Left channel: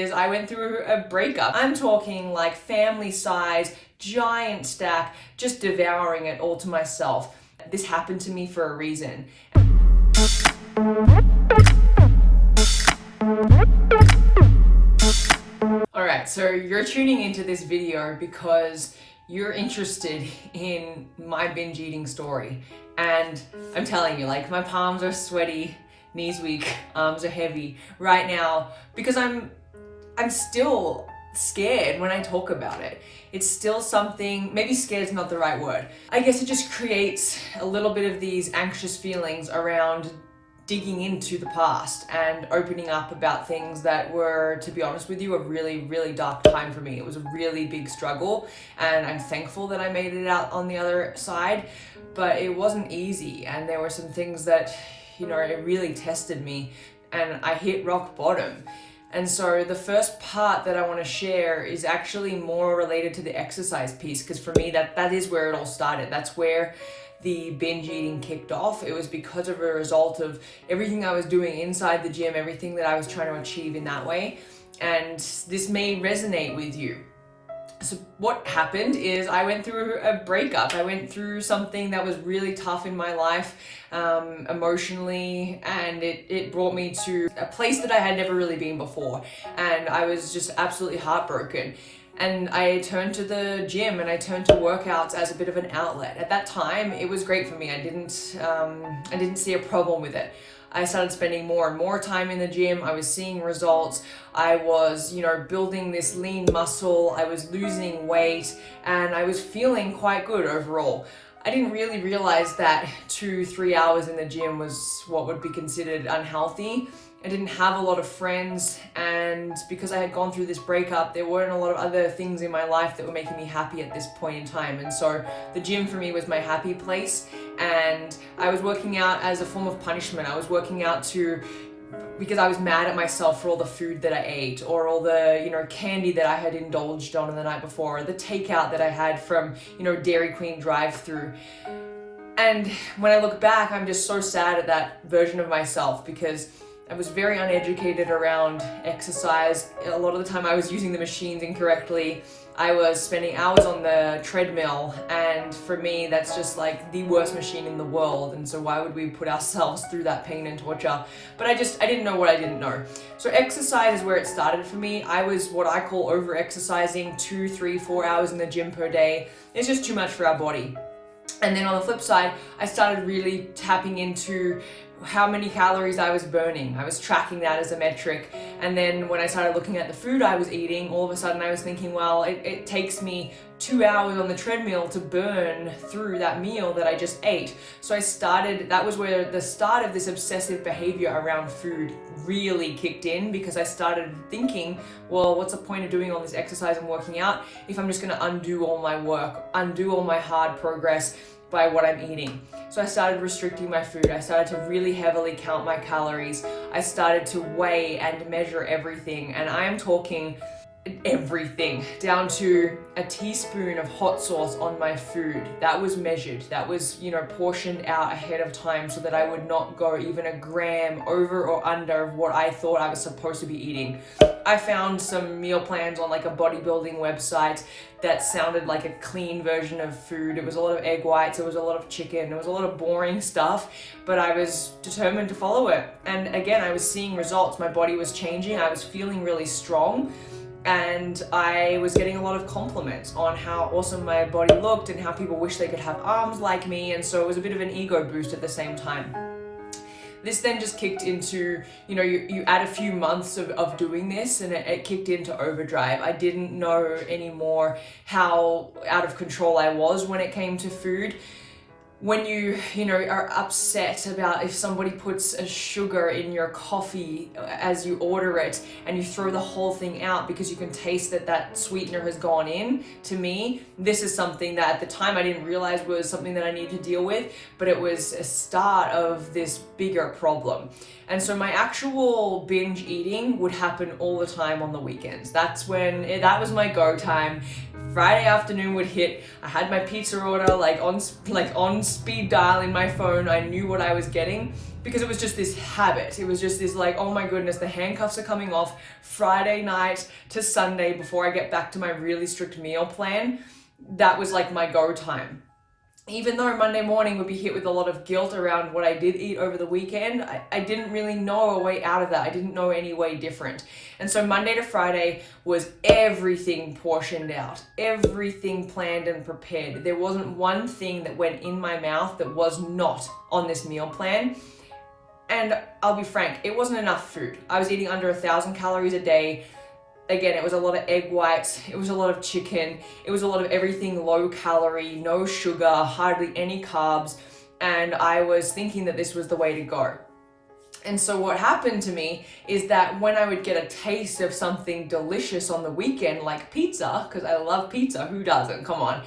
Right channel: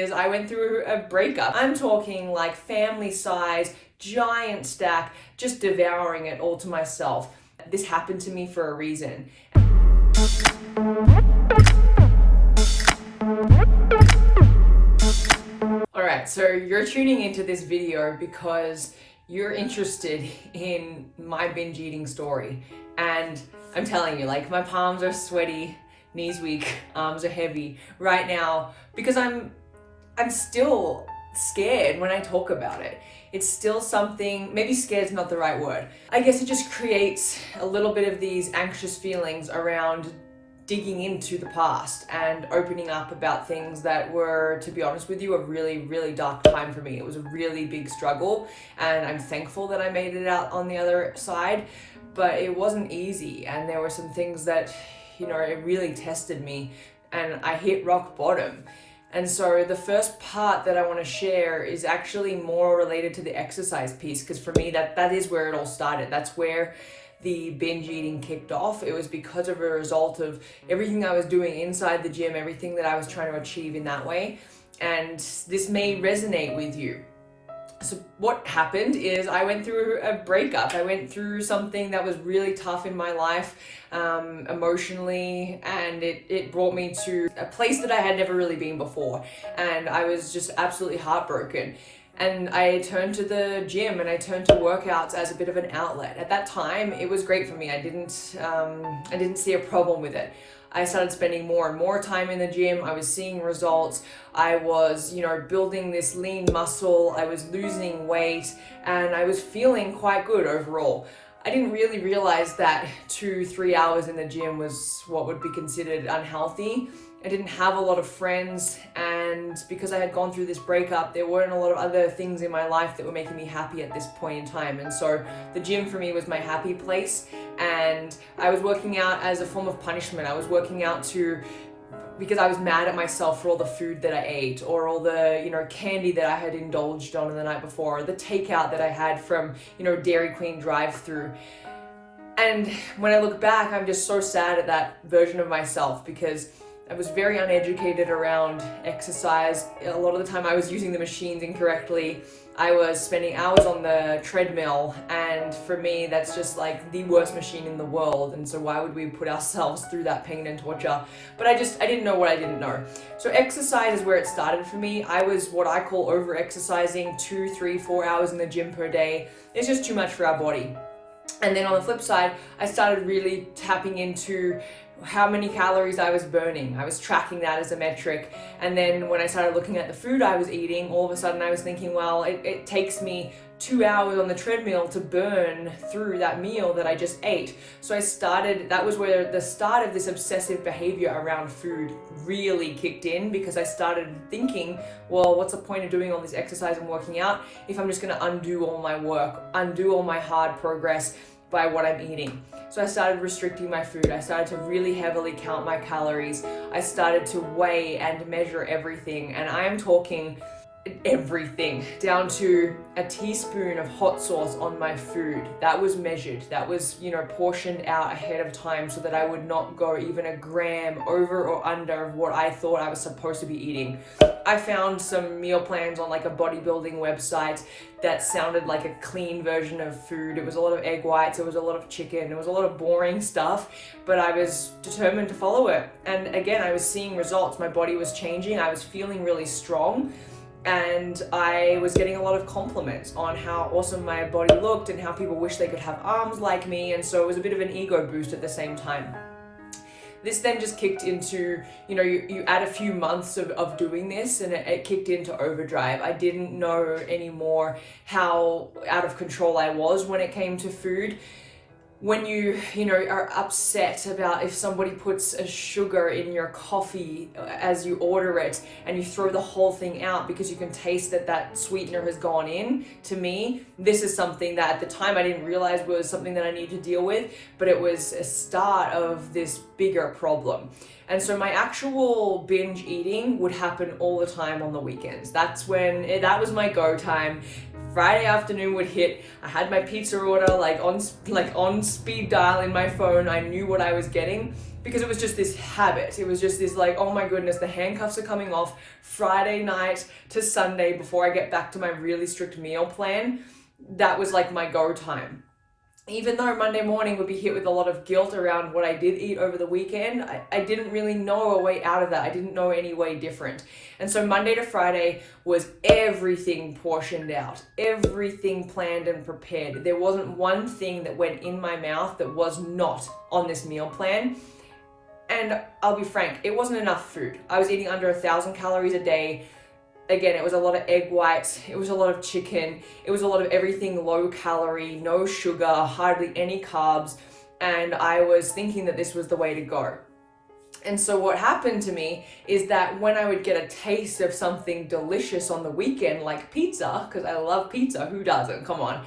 Is I went through a breakup. I'm talking like family size, giant stack, just devouring it all to myself. This happened to me for a reason. Alright, so you're tuning into this video because you're interested in my binge eating story. And I'm telling you, like, my palms are sweaty, knees weak, arms are heavy right now because I'm still scared when I talk about it. It's still something, maybe scared is not the right word. I guess it just creates a little bit of these anxious feelings around digging into the past and opening up about things that were, to be honest with you, a really, really dark time for me. It was a really big struggle, and I'm thankful that I made it out on the other side, but it wasn't easy, and there were some things that, it really tested me, and I hit rock bottom. And so the first part that I want to share is actually more related to the exercise piece, because for me, that is where it all started. That's where the binge eating kicked off. It was because of a result of everything I was doing inside the gym, everything that I was trying to achieve in that way. And this may resonate with you. So what happened is I went through a breakup. I went through something that was really tough in my life, emotionally, and it brought me to a place that I had never really been before. And I was just absolutely heartbroken. And I turned to the gym and I turned to workouts as a bit of an outlet. At that time, it was great for me. I didn't see a problem with it. I started spending more and more time in the gym. I was seeing results. I was, building this lean muscle. I was losing weight, and I was feeling quite good overall. I didn't really realize that 2-3 hours in the gym was what would be considered unhealthy. I didn't have a lot of friends, and because I had gone through this breakup, there weren't a lot of other things in my life that were making me happy at this point in time. And so the gym for me was my happy place, and I was working out as a form of punishment. I was working out because I was mad at myself for all the food that I ate, or all the, candy that I had indulged on the night before, or the takeout that I had from, Dairy Queen drive-through. And when I look back, I'm just so sad at that version of myself, because I was very uneducated around exercise. A lot of the time I was using the machines incorrectly. I was spending hours on the treadmill, and for me that's just like the worst machine in the world, and so why would we put ourselves through that pain and torture? But I didn't know what I didn't know. So exercise is where it started for me. I was what I call over-exercising, 2, 3, 4 hours in the gym per day. It's just too much for our body. And then on the flip side, I started really tapping into how many calories I was burning. I was tracking that as a metric. And then when I started looking at the food I was eating, all of a sudden I was thinking, well, it takes me 2 hours on the treadmill to burn through that meal that I just ate. So that was where the start of this obsessive behavior around food really kicked in, because I started thinking, well, what's the point of doing all this exercise and working out if I'm just gonna undo all my work, undo all my hard progress by what I'm eating. So I started restricting my food. I started to really heavily count my calories. I started to weigh and measure everything. And I am talking everything, down to a teaspoon of hot sauce on my food. That was measured. That was, portioned out ahead of time so that I would not go even a gram over or under of what I thought I was supposed to be eating. I found some meal plans on like a bodybuilding website that sounded like a clean version of food. It was a lot of egg whites, it was a lot of chicken, it was a lot of boring stuff, but I was determined to follow it. And again, I was seeing results. My body was changing. I was feeling really strong. And I was getting a lot of compliments on how awesome my body looked and how people wish they could have arms like me. And so it was a bit of an ego boost at the same time. This then just kicked into, you add a few months of doing this, and it kicked into overdrive. I didn't know anymore how out of control I was when it came to food. When you are upset about if somebody puts a sugar in your coffee as you order it, and you throw the whole thing out because you can taste that sweetener has gone in, to me, this is something that at the time I didn't realize was something that I needed to deal with, but it was a start of this bigger problem. And so my actual binge eating would happen all the time on the weekends. That was my go time. Friday afternoon would hit. I had my pizza order on speed dial in my phone. I knew what I was getting because it was just this habit. It was just this like, oh my goodness, the handcuffs are coming off Friday night to Sunday before I get back to my really strict meal plan. That was like my go time. Even though Monday morning would be hit with a lot of guilt around what I did eat over the weekend, I didn't really know a way out of that. I didn't know any way different. And so Monday to Friday was everything portioned out, everything planned and prepared. There wasn't one thing that went in my mouth that was not on this meal plan. And I'll be frank, it wasn't enough food. I was eating under 1,000 calories a day. Again, it was a lot of egg whites, it was a lot of chicken, it was a lot of everything low calorie, no sugar, hardly any carbs, and I was thinking that this was the way to go. And so what happened to me is that when I would get a taste of something delicious on the weekend, like pizza, because I love pizza, who doesn't? Come on.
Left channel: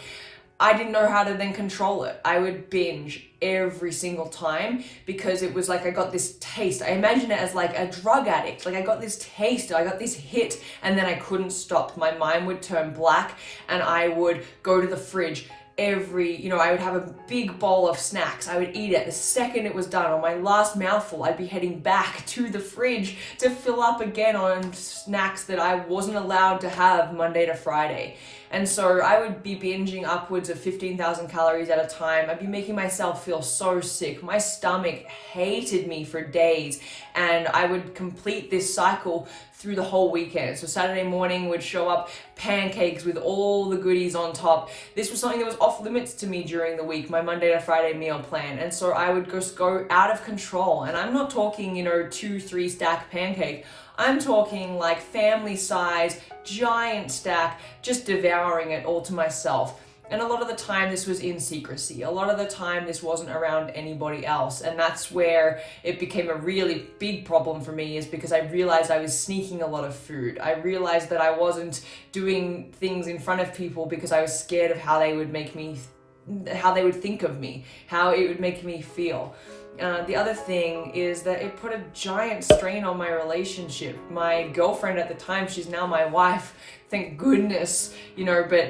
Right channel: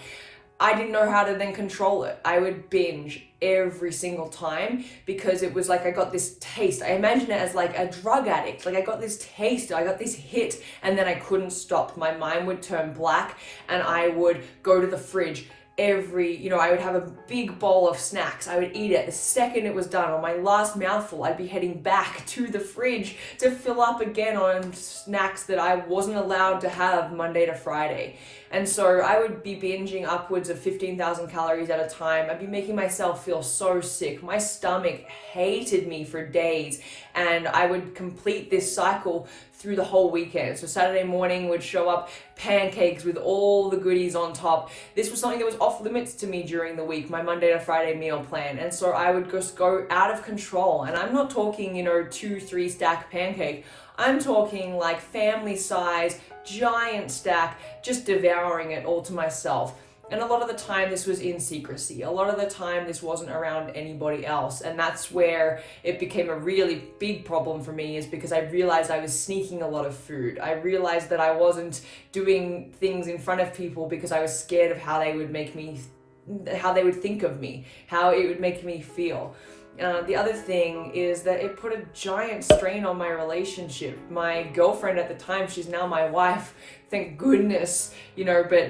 I didn't know how to then control it. I would binge every single time because it was like I got this taste. I imagine it as like a drug addict. Like I got this taste, I got this hit, and then I couldn't stop. My mind would turn black and I would go to the fridge. I would have a big bowl of snacks. I would eat it. The second it was done, on my last mouthful, I'd be heading back to the fridge to fill up again on snacks that I wasn't allowed to have Monday to Friday. And so I would be binging upwards of 15,000 calories at a time. I'd be making myself feel so sick. My stomach hated me for days. And I would complete this cycle through the whole weekend. So Saturday morning would show up pancakes with all the goodies on top. This was something that was off limits to me during the week, my Monday to Friday meal plan. And so I would just go out of control. And I'm not talking, 2-3 stack pancake. I'm talking like family size, giant stack, just devouring it all to myself. And a lot of the time this was in secrecy. A lot of the time this wasn't around anybody else. And that's where it became a really big problem for me, is because I realized I was sneaking a lot of food. I realized that I wasn't doing things in front of people because I was scared of how they would think of me, how it would make me feel. The other thing is that it put a giant strain on my relationship. My girlfriend at the time, she's now my wife, thank goodness, but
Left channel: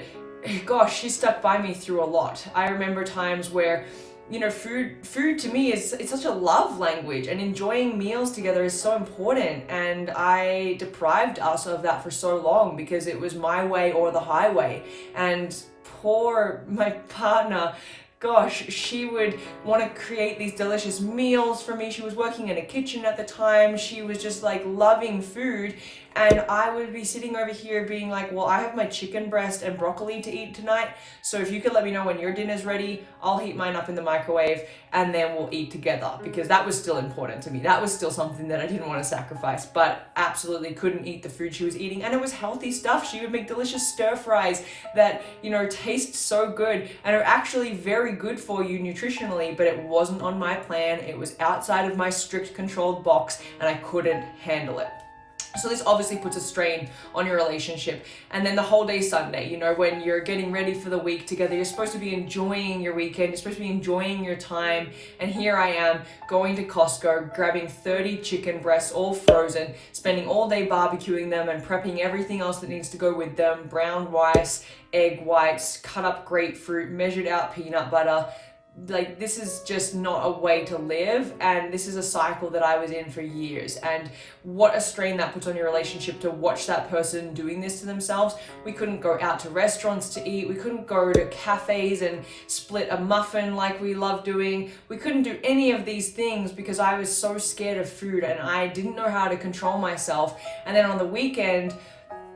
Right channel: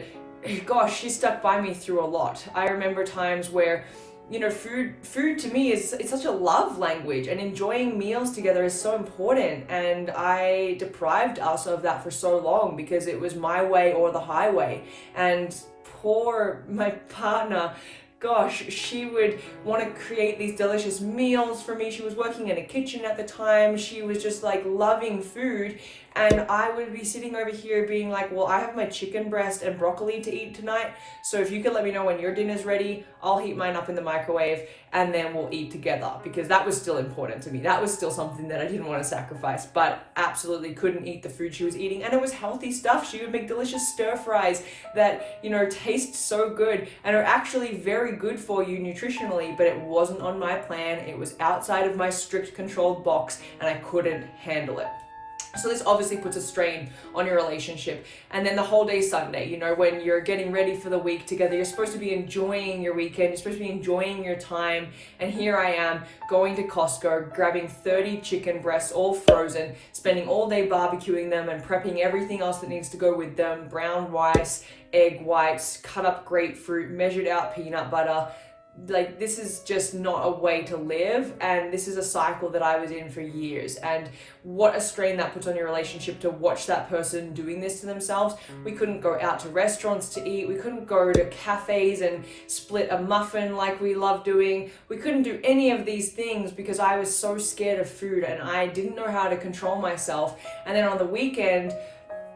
gosh, she stuck by me through a lot. I remember times where, food to me it's such a love language, and enjoying meals together is so important. And I deprived us of that for so long because it was my way or the highway. And poor my partner, gosh, she would want to create these delicious meals for me. She was working in a kitchen at the time. She was just like loving food. And I would be sitting over here being like, well, I have my chicken breast and broccoli to eat tonight. So if you could let me know when your dinner's ready, I'll heat mine up in the microwave and then we'll eat together. Because that was still important to me. That was still something that I didn't want to sacrifice, but absolutely couldn't eat the food she was eating. And it was healthy stuff. She would make delicious stir fries that, taste so good and are actually very good for you nutritionally, but it wasn't on my plan. It was outside of my strict controlled box and I couldn't handle it. So this obviously puts a strain on your relationship. And then the whole day Sunday, when you're getting ready for the week together, you're supposed to be enjoying your weekend, you're supposed to be enjoying your time. And here I am going to Costco, grabbing 30 chicken breasts, all frozen, spending all day barbecuing them and prepping everything else that needs to go with them, brown rice, egg whites, cut up grapefruit, measured out peanut butter. Like, this is just not a way to live, and this is a cycle that I was in for years. And what a strain that puts on your relationship to watch that person doing this to themselves. We couldn't go out to restaurants to eat, we couldn't go to cafes and split a muffin like we love doing. We couldn't do any of these things because I was so scared of food and I didn't know how to control myself. And then on the weekend,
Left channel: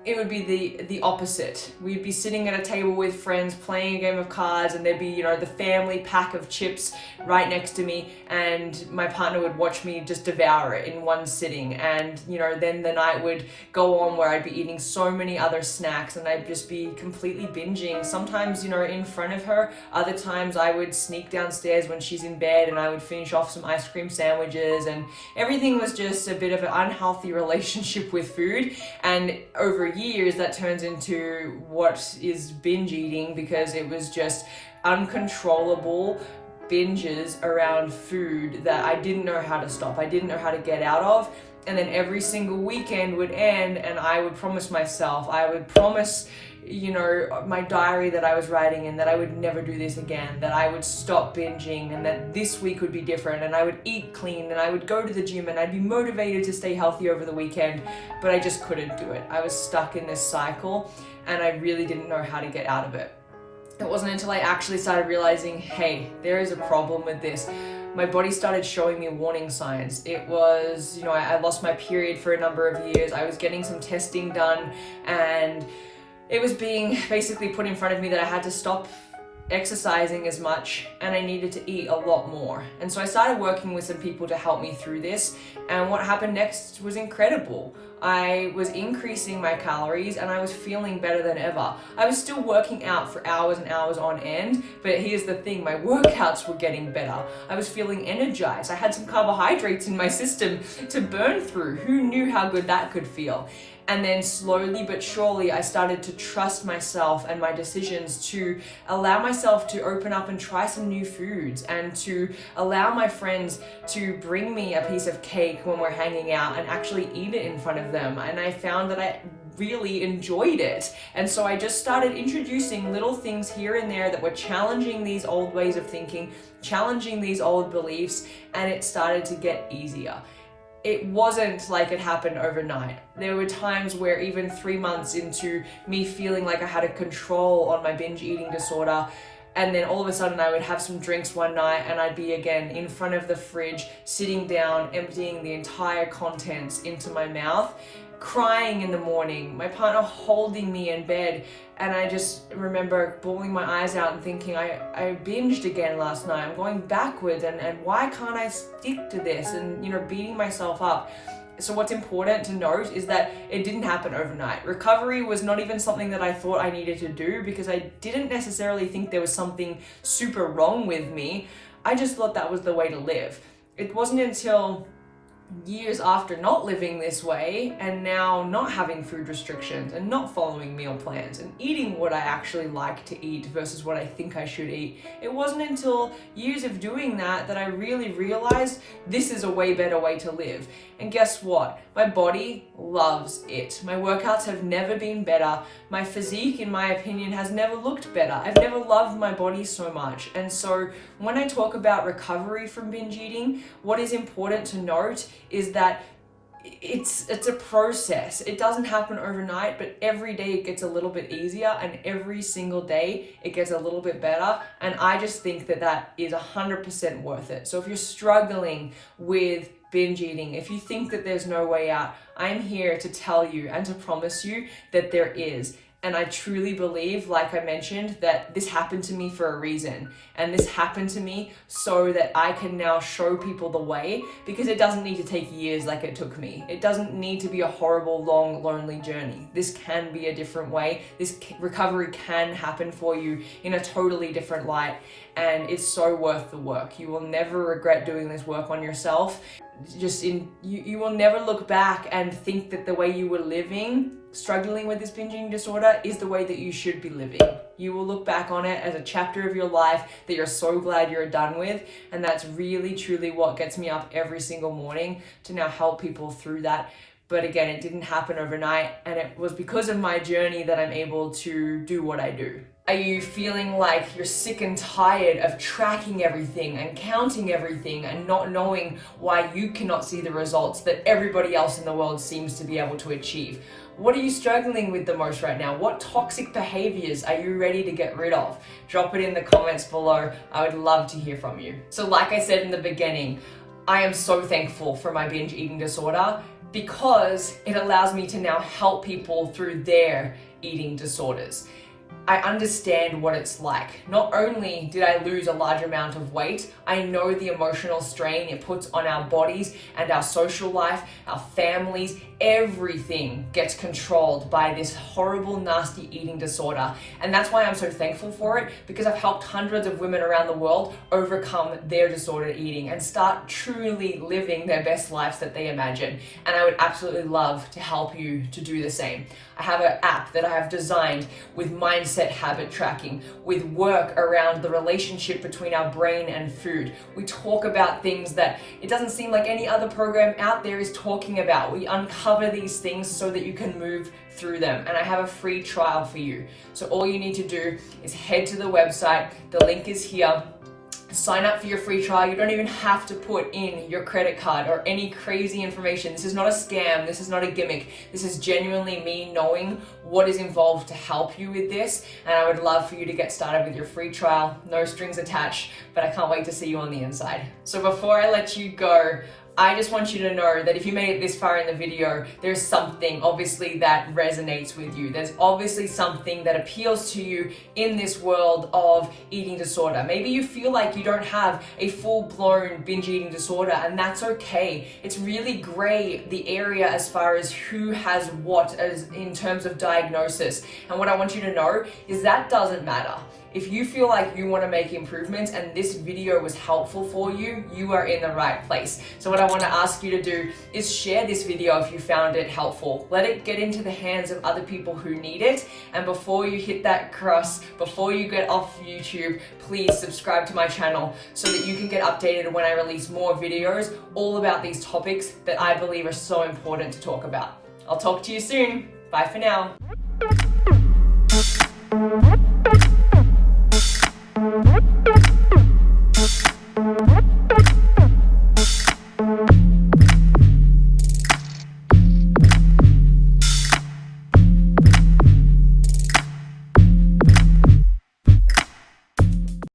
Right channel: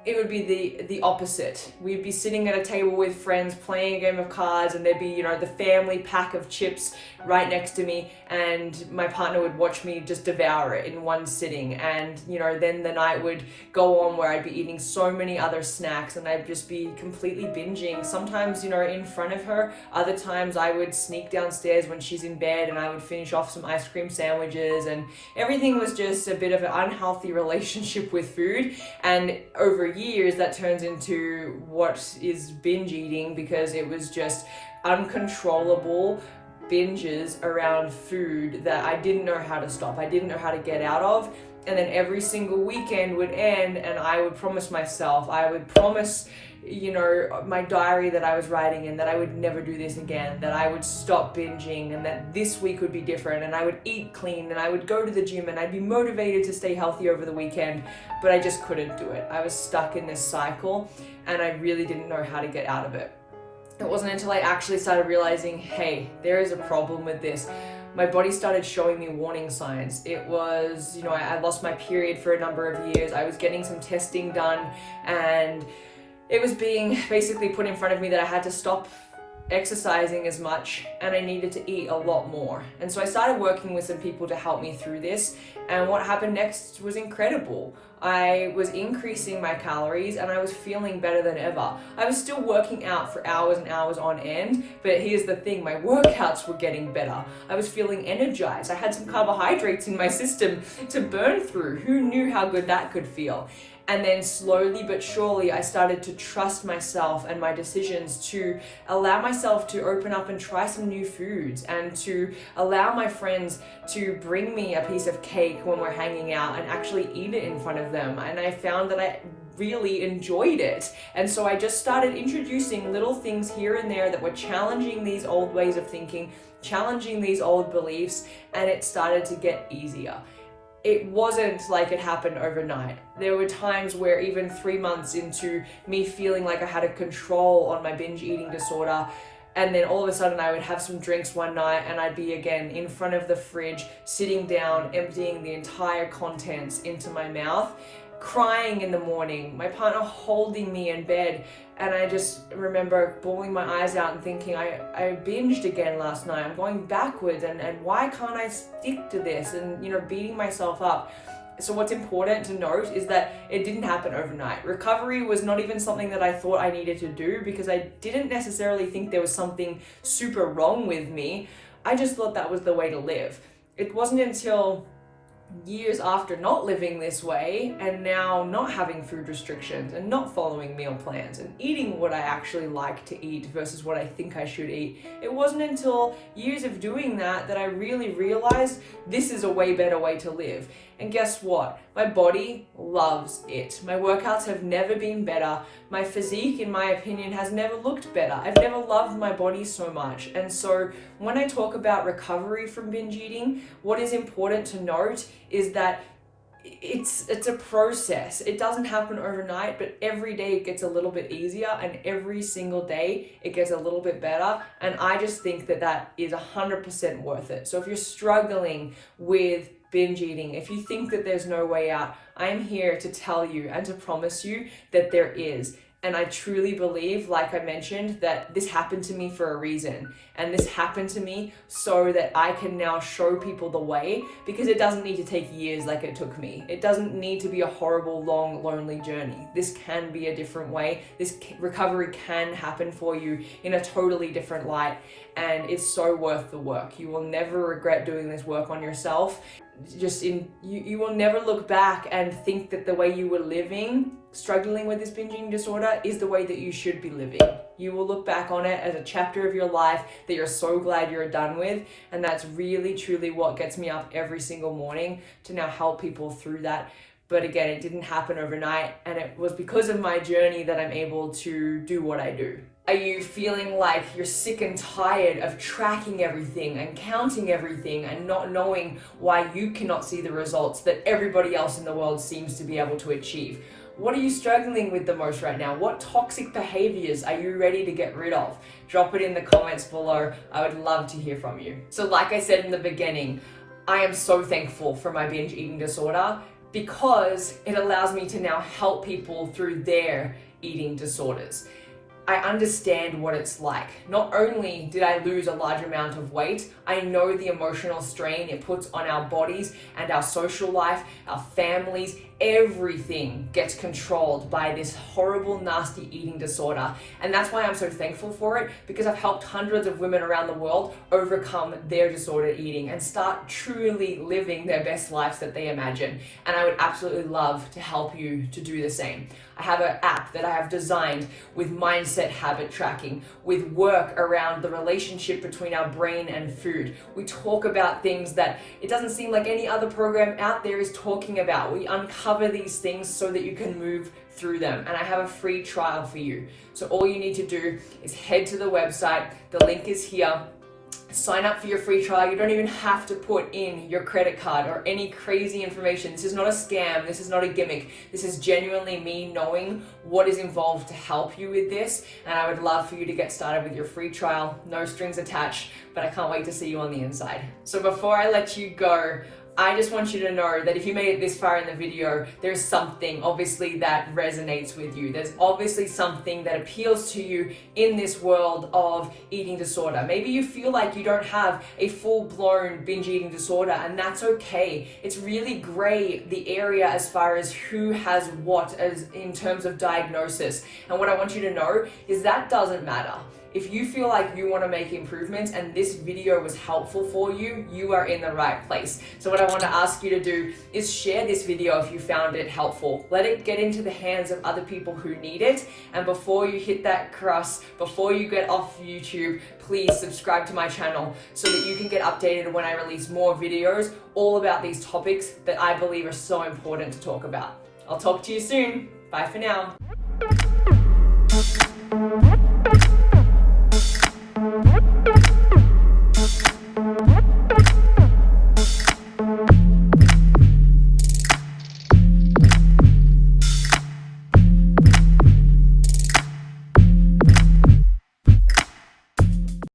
it would be the opposite. We'd be sitting at a table with friends playing a game of cards, and there'd be, the family pack of chips right next to me, and my partner would watch me just devour it in one sitting. And, then the night would go on where I'd be eating so many other snacks and I'd just be completely binging. Sometimes, in front of her. Other times I would sneak downstairs when she's in bed and I would finish off some ice cream sandwiches, and everything was just a bit of an unhealthy relationship with food. And over years that turns into what is binge eating, because it was just uncontrollable binges around food that I didn't know how to stop. I didn't know how to get out of. And then every single weekend would end and I would promise myself, I would promise, my diary that I was writing in, that I would never do this again, that I would stop binging, and that this week would be different, and I would eat clean, and I would go to the gym, and I'd be motivated to stay healthy over the weekend, but I just couldn't do it. I was stuck in this cycle and I really didn't know how to get out of it. It wasn't until I actually started realizing, hey, there is a problem with this. My body started showing me warning signs. It was, I lost my period for a number of years. I was getting some testing done and it was being basically put in front of me that I had to stop exercising as much and I needed to eat a lot more. And so I started working with some people to help me through this, and what happened next was incredible. I was increasing my calories and I was feeling better than ever. I was still working out for hours and hours on end, but here's the thing, my workouts were getting better. I was feeling energized. I had some carbohydrates in my system to burn through. Who knew how good that could feel? And then slowly but surely, I started to trust myself and my decisions, to allow myself to open up and try some new foods, and to allow my friends to bring me a piece of cake when we're hanging out and actually eat it in front of them. And I found that I really enjoyed it. And so I just started introducing little things here and there that were challenging these old ways of thinking, challenging these old beliefs, and it started to get easier. It wasn't like it happened overnight. There were times where even 3 months into me feeling like I had a control on my binge eating disorder, and then all of a sudden I would have some drinks one night and I'd be again in front of the fridge, sitting down, emptying the entire contents into my mouth, crying in the morning, my partner holding me in bed. And I just remember bawling my eyes out and thinking, I binged again last night. I'm going backwards, and why can't I stick to this? And, beating myself up. So what's important to note is that it didn't happen overnight. Recovery was not even something that I thought I needed to do, because I didn't necessarily think there was something super wrong with me. I just thought that was the way to live. It wasn't until years after not living this way, and now not having food restrictions and not following meal plans and eating what I actually like to eat versus what I think I should eat, it wasn't until years of doing that I really realized this is a way better way to live. And guess what? My body loves it. My workouts have never been better. My physique, in my opinion, has never looked better. I've never loved my body so much. And so when I talk about recovery from binge eating, what is important to note is that it's a process. It doesn't happen overnight, but every day it gets a little bit easier, and every single day it gets a little bit better. And I just think that is 100% worth it. So if you're struggling with binge eating, if you think that there's no way out, I'm here to tell you and to promise you that there is. And I truly believe, like I mentioned, that this happened to me for a reason. And this happened to me so that I can now show people the way, because it doesn't need to take years like it took me. It doesn't need to be a horrible, long, lonely journey. This can be a different way. This recovery can happen for you in a totally different light. And it's so worth the work. You will never regret doing this work on yourself. You will never look back and think that the way you were living, struggling with this binging disorder, is the way that you should be living. You will look back on it as a chapter of your life that you're so glad you're done with. And that's really, truly what gets me up every single morning, to now help people through that. But again, it didn't happen overnight, and it was because of my journey that I'm able to do what I do. Are you feeling like you're sick and tired of tracking everything and counting everything and not knowing why you cannot see the results that everybody else in the world seems to be able to achieve? What are you struggling with the most right now? What toxic behaviors are you ready to get rid of? Drop it in the comments below. I would love to hear from you. So like I said in the beginning, I am so thankful for my binge eating disorder, because it allows me to now help people through their eating disorders. I understand what it's like. Not only did I lose a large amount of weight, I know the emotional strain it puts on our bodies and our social life, our families. Everything gets controlled by this horrible, nasty eating disorder. And that's why I'm so thankful for it, because I've helped hundreds of women around the world overcome their disordered eating and start truly living their best lives that they imagine. And I would absolutely love to help you to do the same. I have an app that I have designed with mindset mindset habit tracking, with work around the relationship between our brain and food. We talk about things that it doesn't seem like any other program out there is talking about. We uncover these things so that you can move through them, and I have a free trial for you. So all you need to do is head to the website. The link is here. Sign up for your free trial. You don't even have to put in your credit card or any crazy information. This is not a scam. This is not a gimmick. This is genuinely me knowing what is involved to help you with this. And I would love for you to get started with your free trial. No strings attached, but I can't wait to see you on the inside. So before I let you go, I just want you to know that if you made it this far in the video, there's something obviously that resonates with you. There's obviously something that appeals to you in this world of eating disorder. Maybe you feel like you don't have a full-blown binge eating disorder, and that's okay. It's really gray, the area as far as who has what as in terms of diagnosis. And what I want you to know is that doesn't matter. If you feel like you want to make improvements and this video was helpful for you, you are in the right place. So what I want to ask you to do is share this video if you found it helpful. Let it get into the hands of other people who need it. And before you hit that cross, before you get off YouTube, please subscribe to my channel so that you can get updated when I release more videos all about these topics that I believe are so important to talk about. I'll talk to you soon. Bye for now.